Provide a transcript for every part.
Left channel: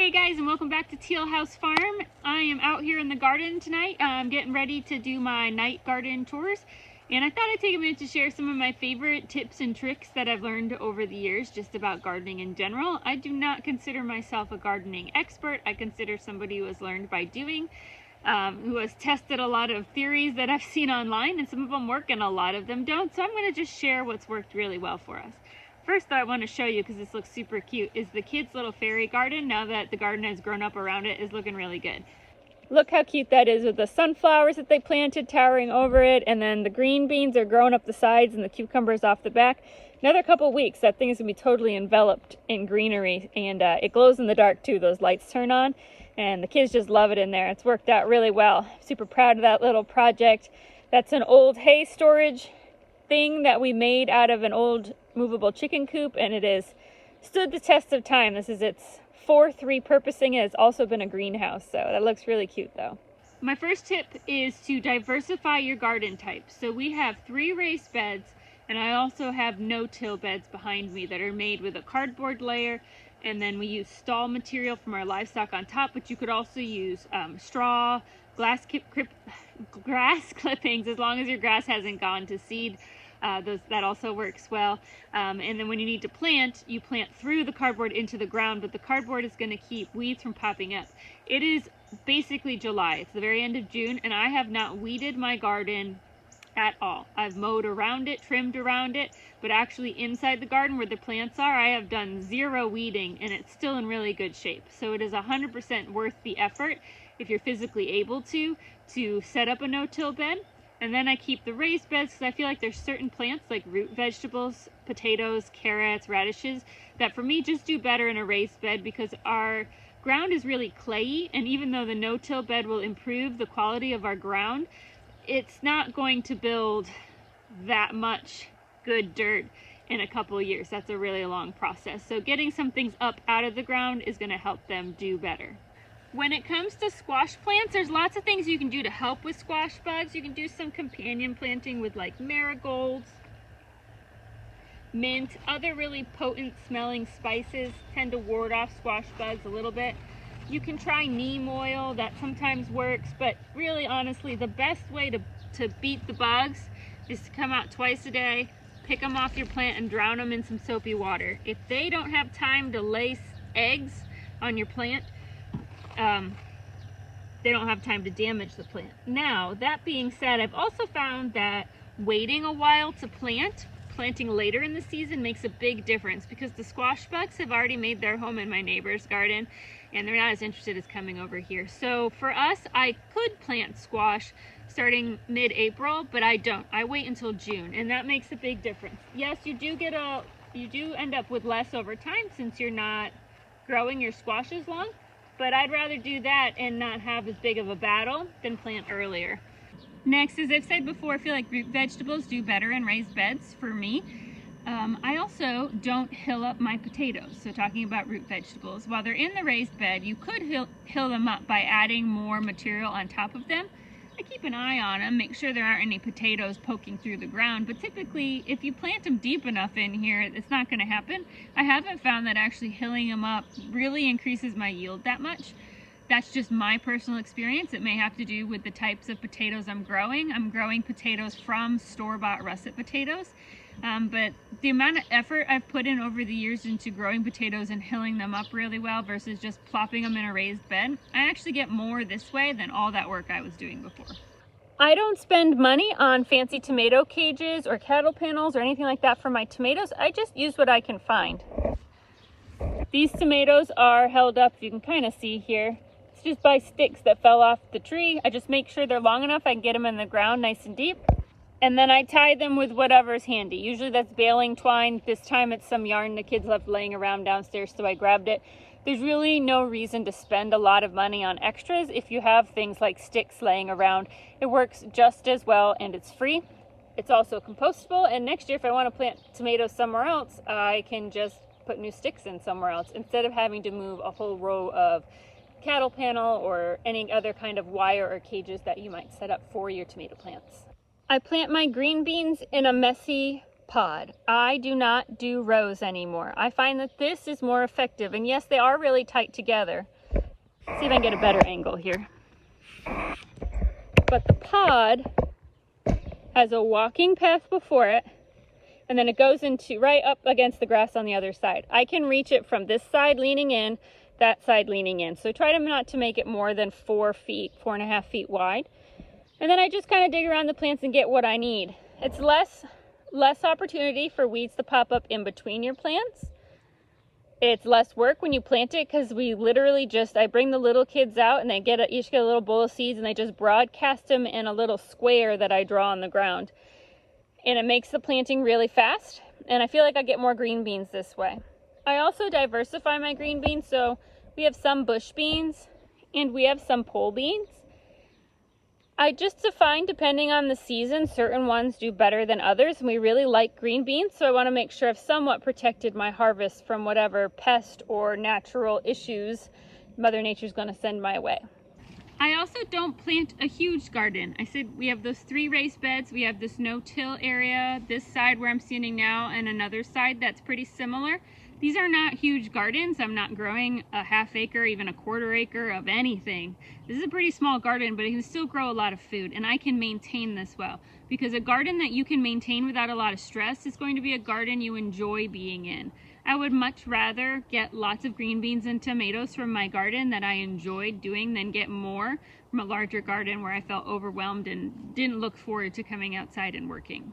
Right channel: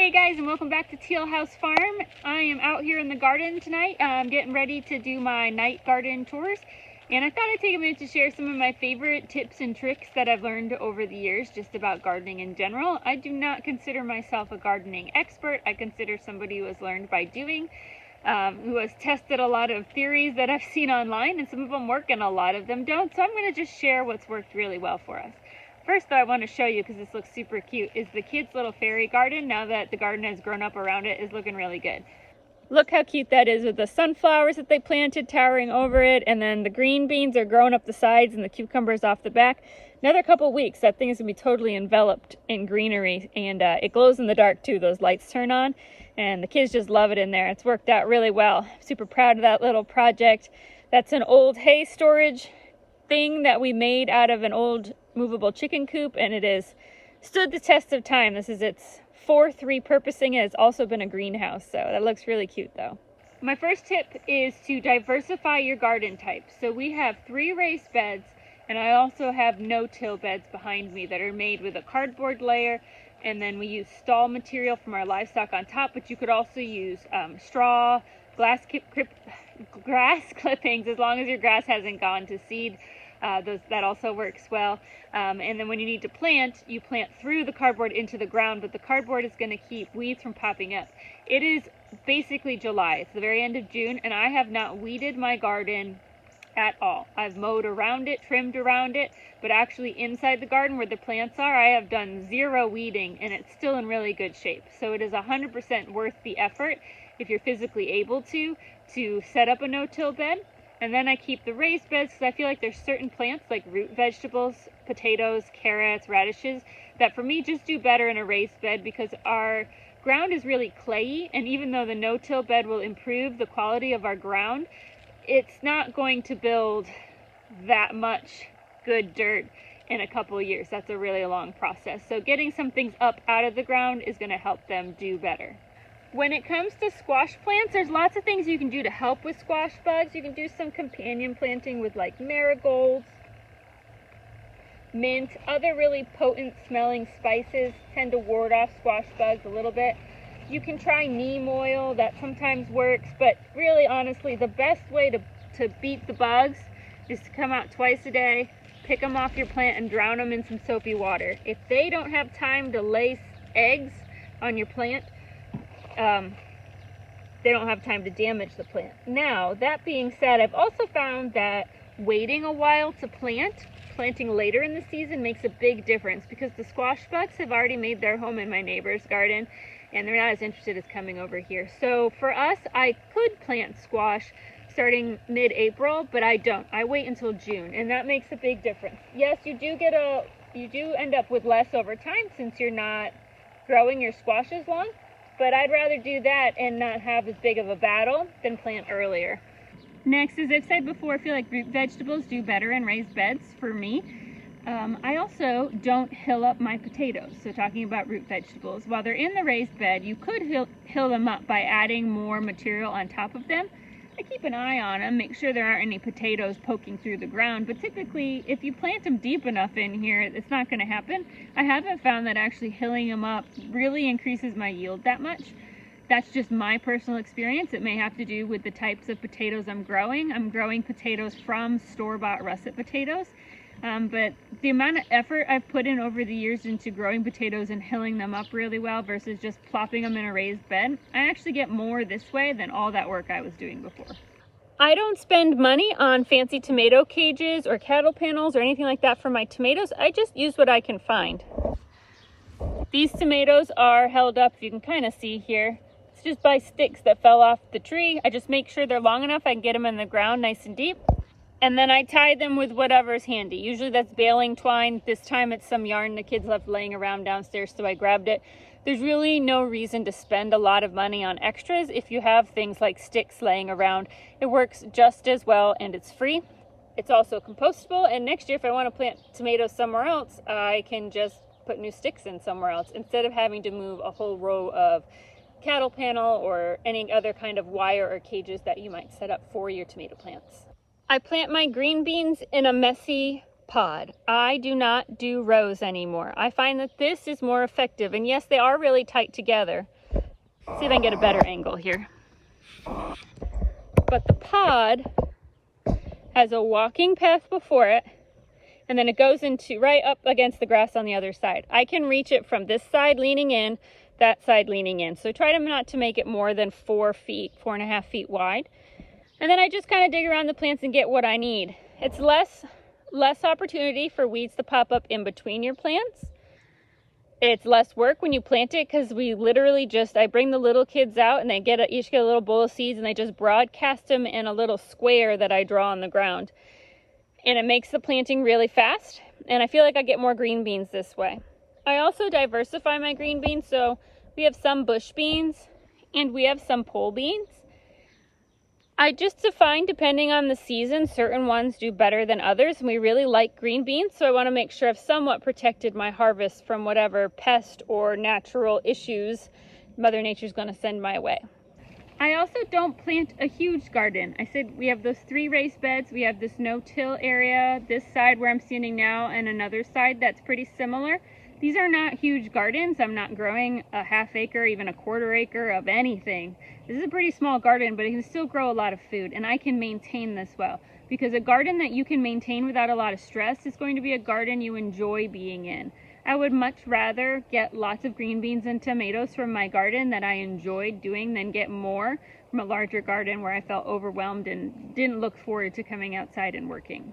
Hey guys, and welcome back to Teal House Farm. I am out here in the garden tonight. I'm getting ready to do my night garden tours, and I thought I'd take a minute to share some of my favorite tips and tricks that I've learned over the years just about gardening in general. I do not consider myself a gardening expert. I consider somebody who has learned by doing, who has tested a lot of theories that I've seen online, and some of them work and a lot of them don't. So I'm going to just share what's worked really well for us. First, though, I want to show you, because this looks super cute, is the kids' little fairy garden. Now that the garden has grown up around it, is looking really good. Look how cute that is with the sunflowers that they planted towering over it, and then the green beans are growing up the sides and the cucumbers off the back. Another couple weeks, that thing is going to be totally enveloped in greenery, and it glows in the dark too. Those lights turn on, and the kids just love it in there. It's worked out really well. Super proud of that little project. That's an old hay storage thing that we made out of an old movable chicken coop, and it has stood the test of time. This is its fourth repurposing. It has also been a greenhouse, so that looks really cute though. My first tip is to diversify your garden types. So we have 3 raised beds, and I also have no-till beds behind me that are made with a cardboard layer, and then we use stall material from our livestock on top, but you could also use straw, grass clippings, as long as your grass hasn't gone to seed. That also works well. And then when you need to plant, you plant through the cardboard into the ground, but the cardboard is going to keep weeds from popping up. It is basically July. It's the very end of June, and I have not weeded my garden at all. I've mowed around it, trimmed around it, but actually inside the garden where the plants are, I have done 0 weeding, and it's still in really good shape. So it is 100% worth the effort, if you're physically able to set up a no-till bed. And then I keep the raised beds because I feel like there's certain plants like root vegetables, potatoes, carrots, radishes that for me just do better in a raised bed because our ground is really clayey, and even though the no-till bed will improve the quality of our ground, it's not going to build that much good dirt in a couple of years. That's a really long process. So getting some things up out of the ground is going to help them do better. When it comes to squash plants, there's lots of things you can do to help with squash bugs. You can do some companion planting with like marigolds, mint, other really potent smelling spices tend to ward off squash bugs a little bit. You can try neem oil, that sometimes works, but really honestly the best way to beat the bugs is to come out twice a day, pick them off your plant and drown them in some soapy water. If they don't have time to lay eggs on your plant, they don't have time to damage the plant. Now, that being said, I've also found that waiting a while to planting later in the season makes a big difference because the squash bugs have already made their home in my neighbor's garden and they're not as interested as coming over here. So for us, I could plant squash starting mid-April, but I don't. I wait until June, and that makes a big difference. Yes, you do end up with less over time since you're not growing your squash as long. But I'd rather do that and not have as big of a battle than plant earlier. Next, as I've said before, I feel like root vegetables do better in raised beds for me. I also don't hill up my potatoes. So talking about root vegetables, while they're in the raised bed, you could hill them up by adding more material on top of them. I keep an eye on them, make sure there aren't any potatoes poking through the ground, but typically if you plant them deep enough in here, it's not going to happen. I haven't found that actually hilling them up really increases my yield that much. That's just my personal experience. It may have to do with the types of potatoes I'm growing. I'm growing potatoes from store-bought russet potatoes. But the amount of effort I've put in over the years into growing potatoes and hilling them up really well versus just plopping them in a raised bed, I actually get more this way than all that work I was doing before. I don't spend money on fancy tomato cages or cattle panels or anything like that for my tomatoes. I just use what I can find. These tomatoes are held up, you can kind of see here. It's just by sticks that fell off the tree. I just make sure they're long enough I can get them in the ground nice and deep. And then I tie them with whatever's handy. Usually that's baling twine. This time it's some yarn the kids left laying around downstairs, so I grabbed it. There's really no reason to spend a lot of money on extras if you have things like sticks laying around. It works just as well and it's free. It's also compostable, and next year if I want to plant tomatoes somewhere else, I can just put new sticks in somewhere else instead of having to move a whole row of cattle panel or any other kind of wire or cages that you might set up for your tomato plants. I plant my green beans in a messy pod. I do not do rows anymore. I find that this is more effective. And yes, they are really tight together. Let's see if I can get a better angle here. But the pod has a walking path before it, and then it goes into right up against the grass on the other side. I can reach it from this side leaning in, that side leaning in. So try not to make it more than 4 feet, 4.5 feet wide. And then I just kind of dig around the plants and get what I need. It's less opportunity for weeds to pop up in between your plants. It's less work when you plant it, because we literally I bring the little kids out and they each get a little bowl of seeds, and they just broadcast them in a little square that I draw on the ground. And it makes the planting really fast, and I feel like I get more green beans this way. I also diversify my green beans, so we have some bush beans and we have some pole beans. I just define, depending on the season, certain ones do better than others, and we really like green beans, so I want to make sure I've somewhat protected my harvest from whatever pest or natural issues Mother Nature's going to send my way. I also don't plant a huge garden. I said we have those 3 raised beds. We have this no-till area, this side where I'm standing now, and another side that's pretty similar. These are not huge gardens. I'm not growing a half acre, even a quarter acre of anything. This is a pretty small garden, but it can still grow a lot of food, and I can maintain this well. Because a garden that you can maintain without a lot of stress is going to be a garden you enjoy being in. I would much rather get lots of green beans and tomatoes from my garden that I enjoyed doing than get more from a larger garden where I felt overwhelmed and didn't look forward to coming outside and working.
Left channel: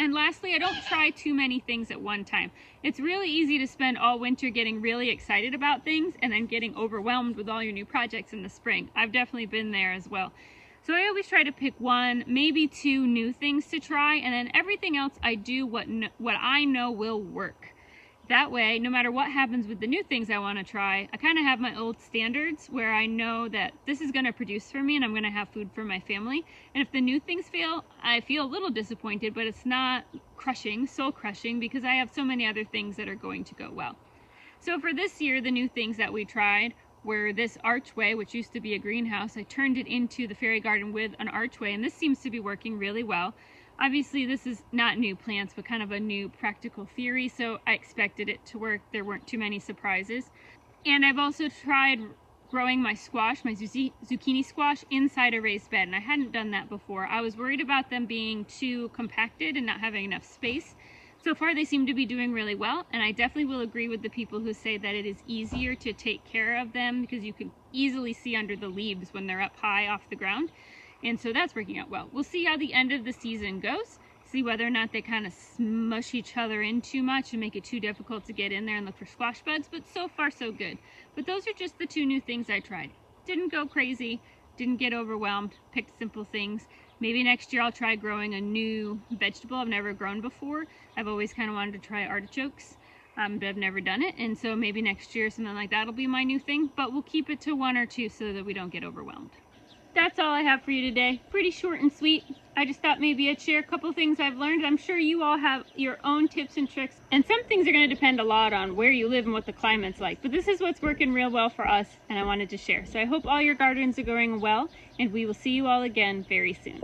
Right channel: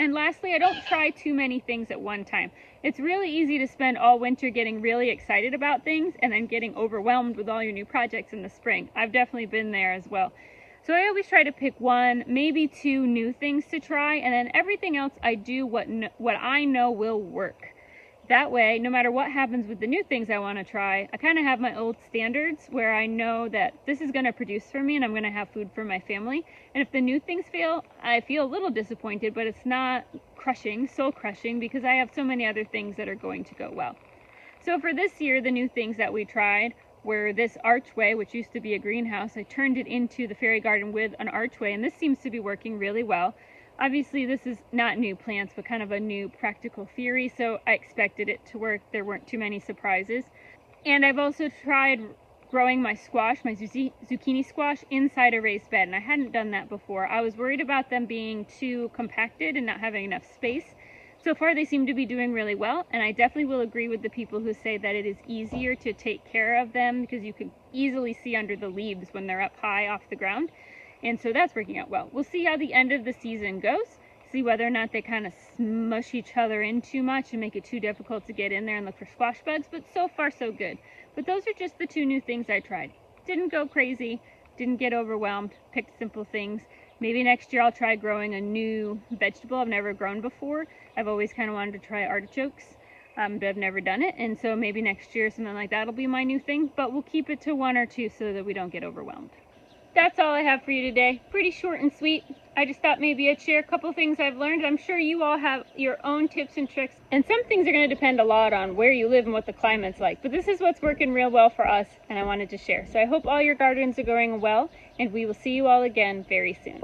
And lastly, I don't try too many things at one time. It's really easy to spend all winter getting really excited about things and then getting overwhelmed with all your new projects in the spring. I've definitely been there as well. So I always try to pick 1, maybe 2 new things to try, and then everything else I do what I know will work. That way, no matter what happens with the new things I want to try, I kind of have my old standards where I know that this is going to produce for me and I'm going to have food for my family. And if the new things fail, I feel a little disappointed, but it's not crushing, soul crushing, because I have so many other things that are going to go well. So for this year, the new things that we tried were this archway, which used to be a greenhouse. I turned it into the fairy garden with an archway, and this seems to be working really well. Obviously, this is not new plants, but kind of a new practical theory, so I expected it to work. There weren't too many surprises. And I've also tried growing my squash, my zucchini squash, inside a raised bed, and I hadn't done that before. I was worried about them being too compacted and not having enough space. So far, they seem to be doing really well, and I definitely will agree with the people who say that it is easier to take care of them because you can easily see under the leaves when they're up high off the ground. And so that's working out well. We'll see how the end of the season goes, see whether or not they kind of smush each other in too much and make it too difficult to get in there and look for squash bugs, but so far so good. But those are just the 2 new things I tried. Didn't go crazy, didn't get overwhelmed, picked simple things. Maybe next year I'll try growing a new vegetable I've never grown before. I've always kind of wanted to try artichokes, but I've never done it. And so maybe next year something like that will be my new thing, but we'll keep it to 1 or 2 so that we don't get overwhelmed. That's all I have for you today. Pretty short and sweet. I just thought maybe I'd share a couple things I've learned. I'm sure you all have your own tips and tricks, and some things are going to depend a lot on where you live and what the climate's like. But this is what's working real well for us, and I wanted to share. So I hope all your gardens are going well, and we will see you all again very soon.